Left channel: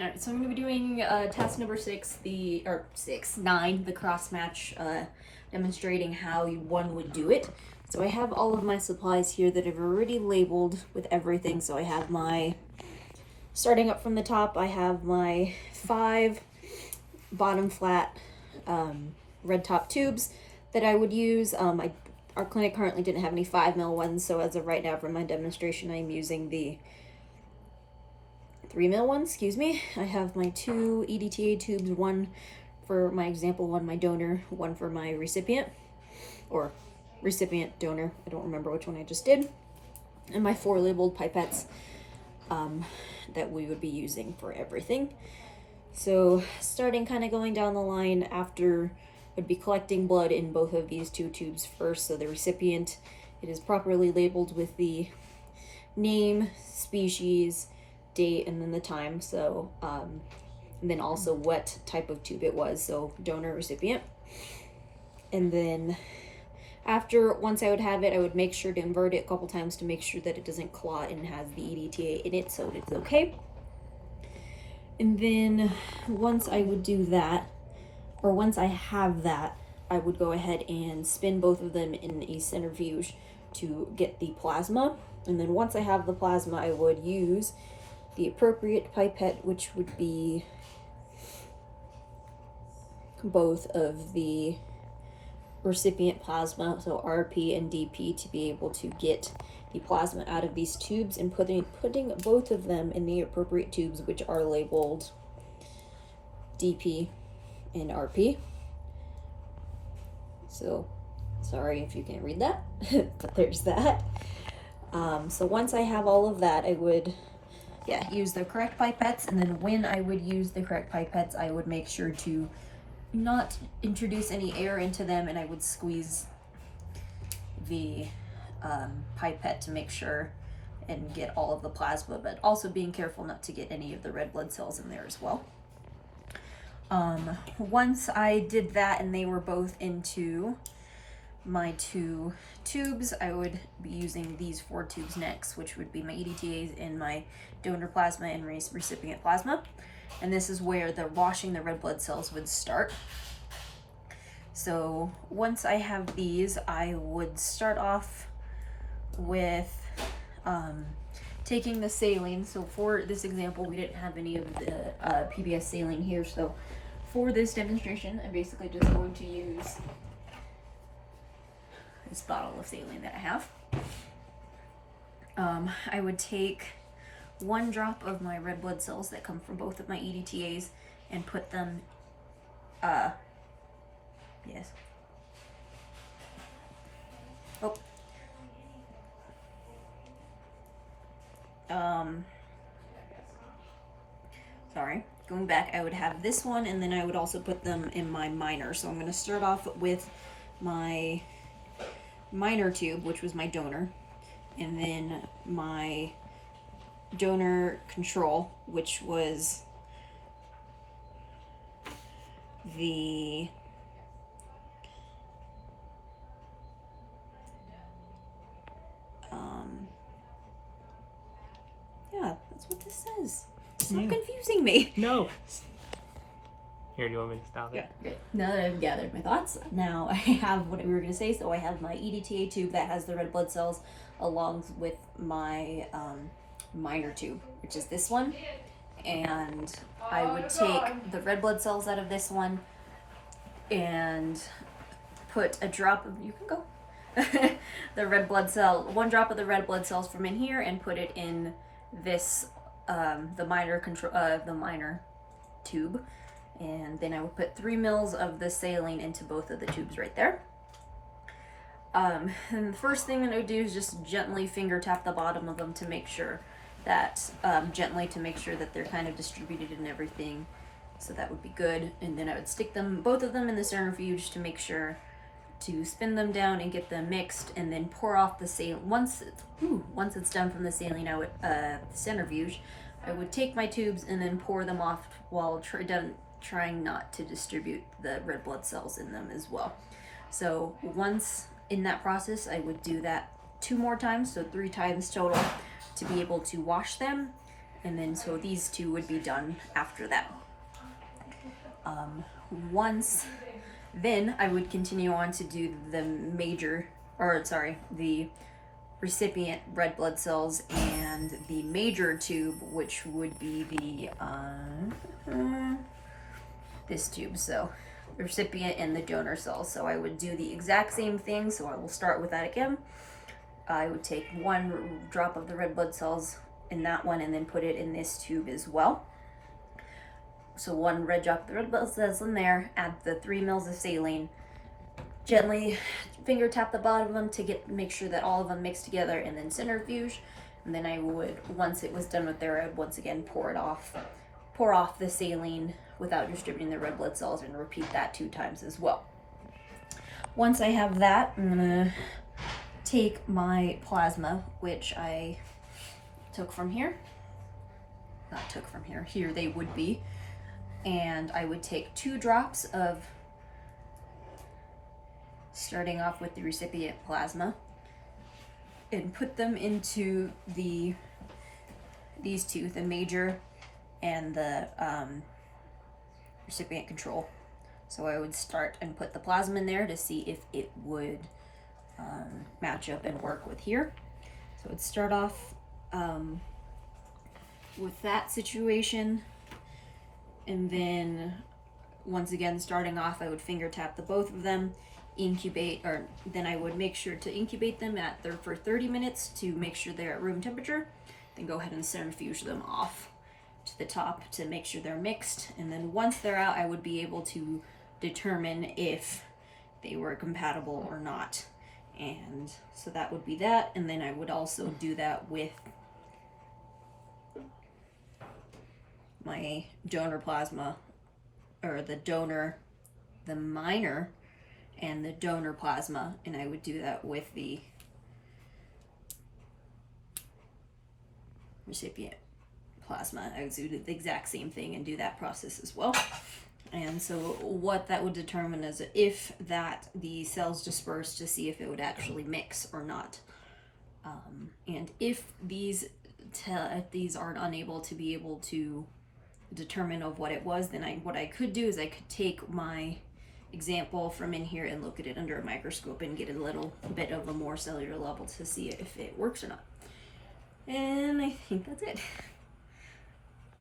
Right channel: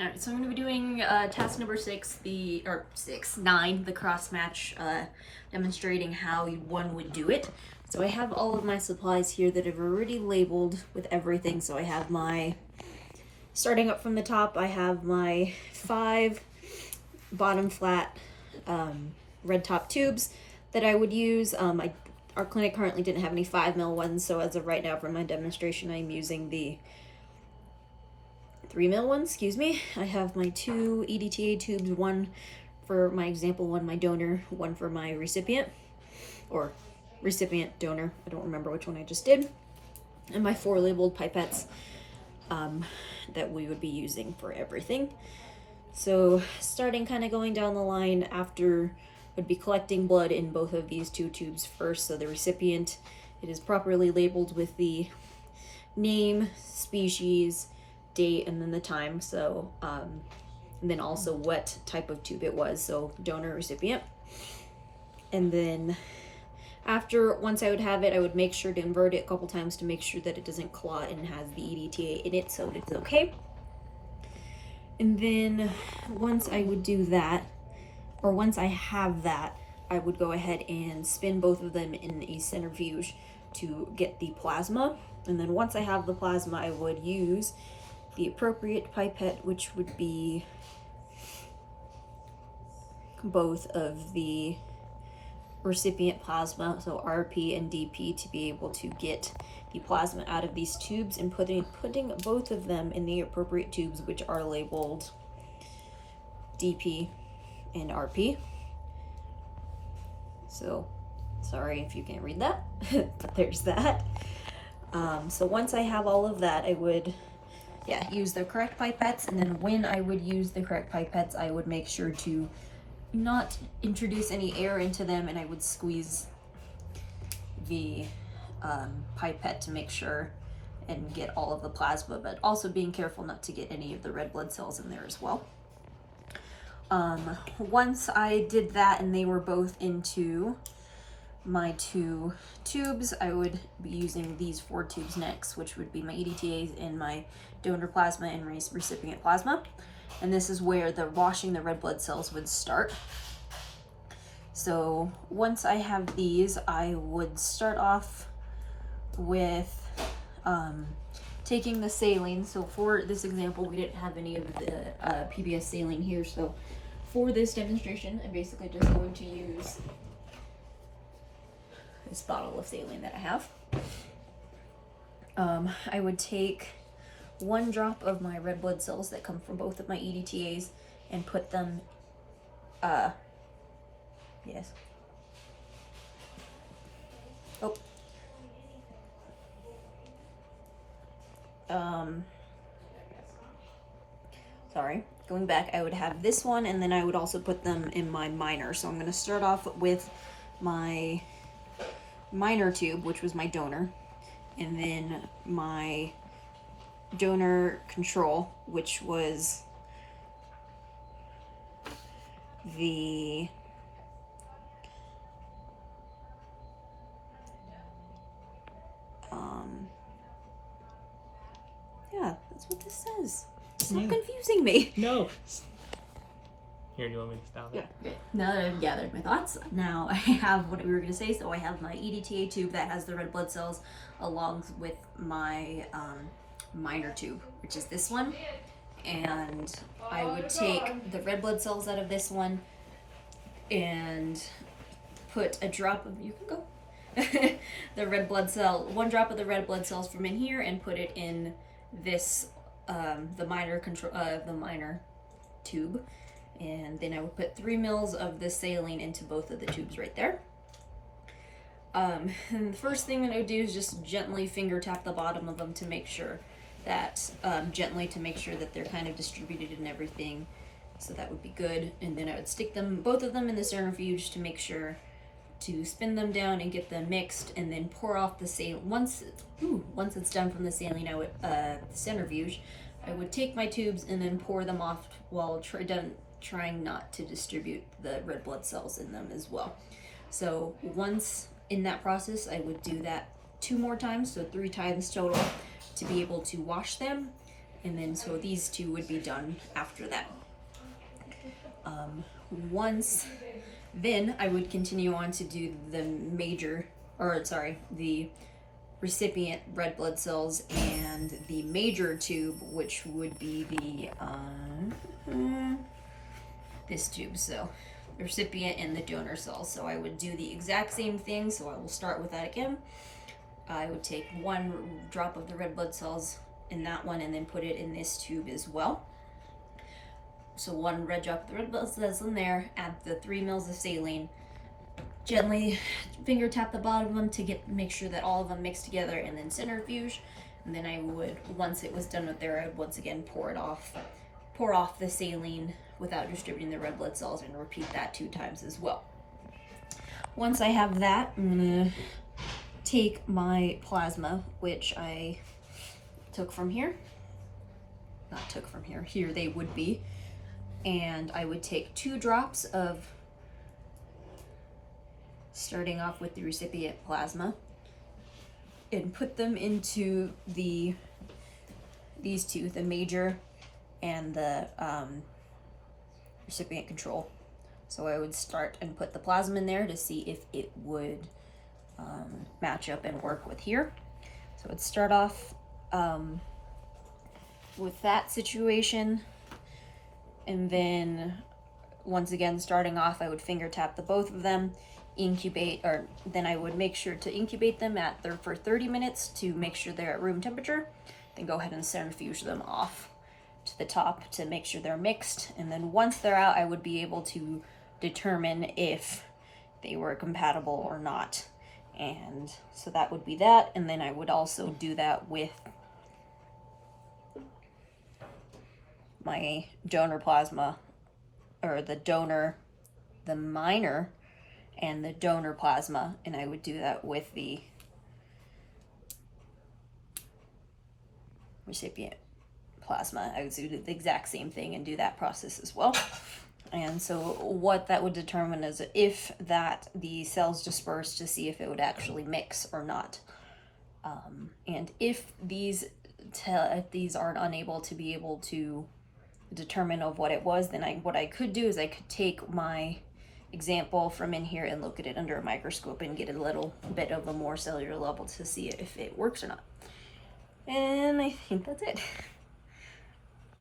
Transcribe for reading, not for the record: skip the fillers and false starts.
All right, so I'm going to be doing task number 6, the cross match, demonstrating how one would do it. So I have all of my supplies here that I've already labeled with everything. So I have my, starting up from the top, I have my 5 bottom flat red top tubes that I would use. Our clinic currently didn't have any 5mm ones, so as of right now for my demonstration, I'm using the 3mm ones, excuse me. I have my 2 EDTA tubes, one for my example, one my donor, one for my recipient, or recipient donor, I don't remember which one I just did, and my 4 labeled pipettes that we would be using for everything. So starting kind of going down the line, after would be collecting blood in both of these 2 tubes first. So the recipient, it is properly labeled with the name, species, date, and then the time. So and then also what type of tube it was, so donor, recipient. And then after, once I would have it, I would make sure to invert it a couple times to make sure that it doesn't clot and has the EDTA in it, so it's okay. And then once I would do that, or once I have that, I would go ahead and spin both of them in a centrifuge to get the plasma. And then once I have the plasma, I would use the appropriate pipette, which would be both of the recipient plasma, so RP and DP, to be able to get the plasma out of these tubes, and putting both of them in the appropriate tubes, which are labeled DP and RP. So sorry if you can't read that, but there's that. So once I have all of that, I would use the correct pipettes, and then when I would use the correct pipettes, I would make sure to not introduce any air into them, and I would squeeze the pipette to make sure and get all of the plasma, but also being careful not to get any of the red blood cells in there as well. Once I did that and they were both into my 2 tubes, I would be using these 4 tubes next, which would be my EDTAs and my donor plasma and recipient plasma. And this is where the washing the red blood cells would start. So once I have these, I would start off with taking the saline. So for this example, we didn't have any of the PBS saline here. So for this demonstration, I'm basically just going to use this bottle of saline that I have. I would take 1 drop of my red blood cells that come from both of my EDTAs and put them, sorry, going back, I would have this one, and then I would also put them in my minor. So I'm going to start off with my minor tube, which was my donor, and then my donor control, which was the that's what this says. Stop confusing me. No. Here, do you want me to stop it? Yeah. Now that I've gathered my thoughts, now I have what we were going to say. So I have my EDTA tube that has the red blood cells, along with my minor tube, which is this one. And I would take the red blood cells out of this one and put a drop of, you can go, the red blood cell, 1 drop of the red blood cells from in here, and put it in this, the minor tube. And then I would put 3 mils of the saline into both of the tubes right there. And the first thing that I would do is just gently finger tap the bottom of them to make sure that, they're kind of distributed and everything. So that would be good. And then I would stick them, both of them, in the centrifuge to make sure to spin them down and get them mixed, and then pour off the saline. Once it's done from the saline, I would centrifuge, I would take my tubes and then pour them off while trying not to distribute the red blood cells in them as well. So once in that process, I would do that 2 more times, so 3 times total, to be able to wash them. And then so these two would be done after that. Then I would continue on to do the the recipient red blood cells and the major tube, which would be the this tube. So the recipient and the donor cells. So I would do the exact same thing. So I will start with that again. I would take 1 drop of the red blood cells in that one and then put it in this tube as well. So 1 red drop of the red blood cells in there, add the 3 mils of saline, gently finger tap the bottom of them to make sure that all of them mix together, and then centrifuge. And then I would, once it was done with there, I'd once again pour off the saline without distributing the red blood cells, and repeat that 2 times as well. Once I have that, I'm gonna take my plasma, which I took from here. Not took from here. Here they would be. And I would take 2 drops of, starting off with the recipient plasma, and put them into these two, the major and the recipient control. So I would start and put the plasma in there to see if it would match up and work with here. So I'd start off with that situation, and then once again starting off, I would finger tap the both of them, incubate, or then I would make sure to incubate them for 30 minutes to make sure they're at room temperature, then go ahead and centrifuge them off to the top to make sure they're mixed. And then once they're out, I would be able to determine if they were compatible or not. And so that would be that. And then I would also do that with my donor plasma, or the minor and the donor plasma, and I would do that with the recipient plasma. I would do the exact same thing and do that process as well. And so what that would determine is if the cells disperse, to see if it would actually mix or not. And if these aren't unable to be able to determine of what it was, then what I could do is I could take my example from in here and look at it under a microscope and get a little bit of a more cellular level to see if it works or not. And I think that's it.